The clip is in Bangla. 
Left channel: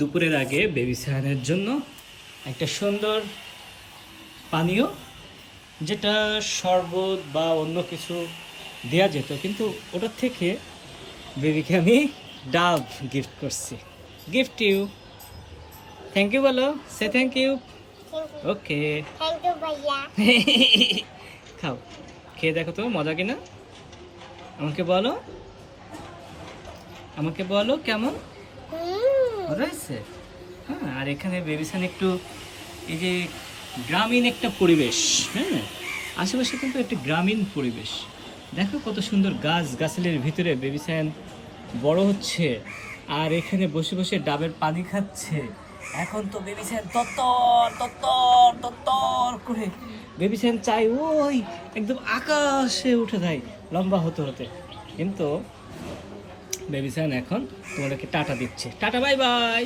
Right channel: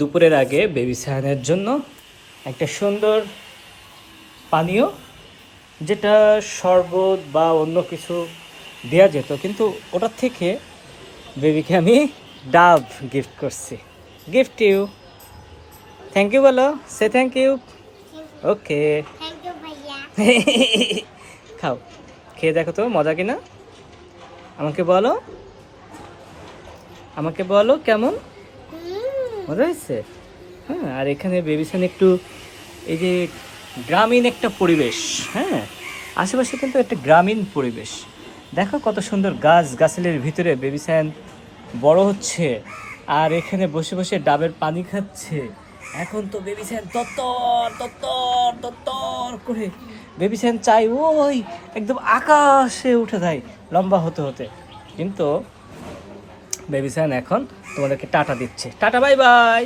দুপুরের আগে বেবি সায়ানের জন্য একটা সুন্দর পানীয় যেটা শরবত বা অন্য কিছু দেওয়া যেত কিন্তু ওটার থেকে বেবিকে আমি ডাব গিফট করছি। গিফট ইউ থ্যাংক ইউ বলো সে থ্যাংক ইউ ওকে খাও। খেয়ে দেখো তো মজা কিনা? আমাকে বলো। আমাকে বলো কেমন? হয়েছে? হ্যাঁ আর এখানে বেবিসান একটু এই যে গ্রামীণ একটা পরিবেশ হ্যাঁ? আশেপাশে কিন্তু একটা গ্রামীণ পরিবেশ। দেখো কত সুন্দর গাছ, গাছালির ভিতরে বেবিসান বড় হচ্ছে, আর এখানে বসে বসে ডাবের পানি খাচ্ছে। এখন তো বেবিসান তত্তর তত্তর তত্তর করে বেবিসান চাই ওই, একদম আকাশে উঠে যায়, লম্বা হতে হতে। কিন্তু বেবিসান এখন তোমাদেরকে টাটা দিচ্ছে। Tata bye bye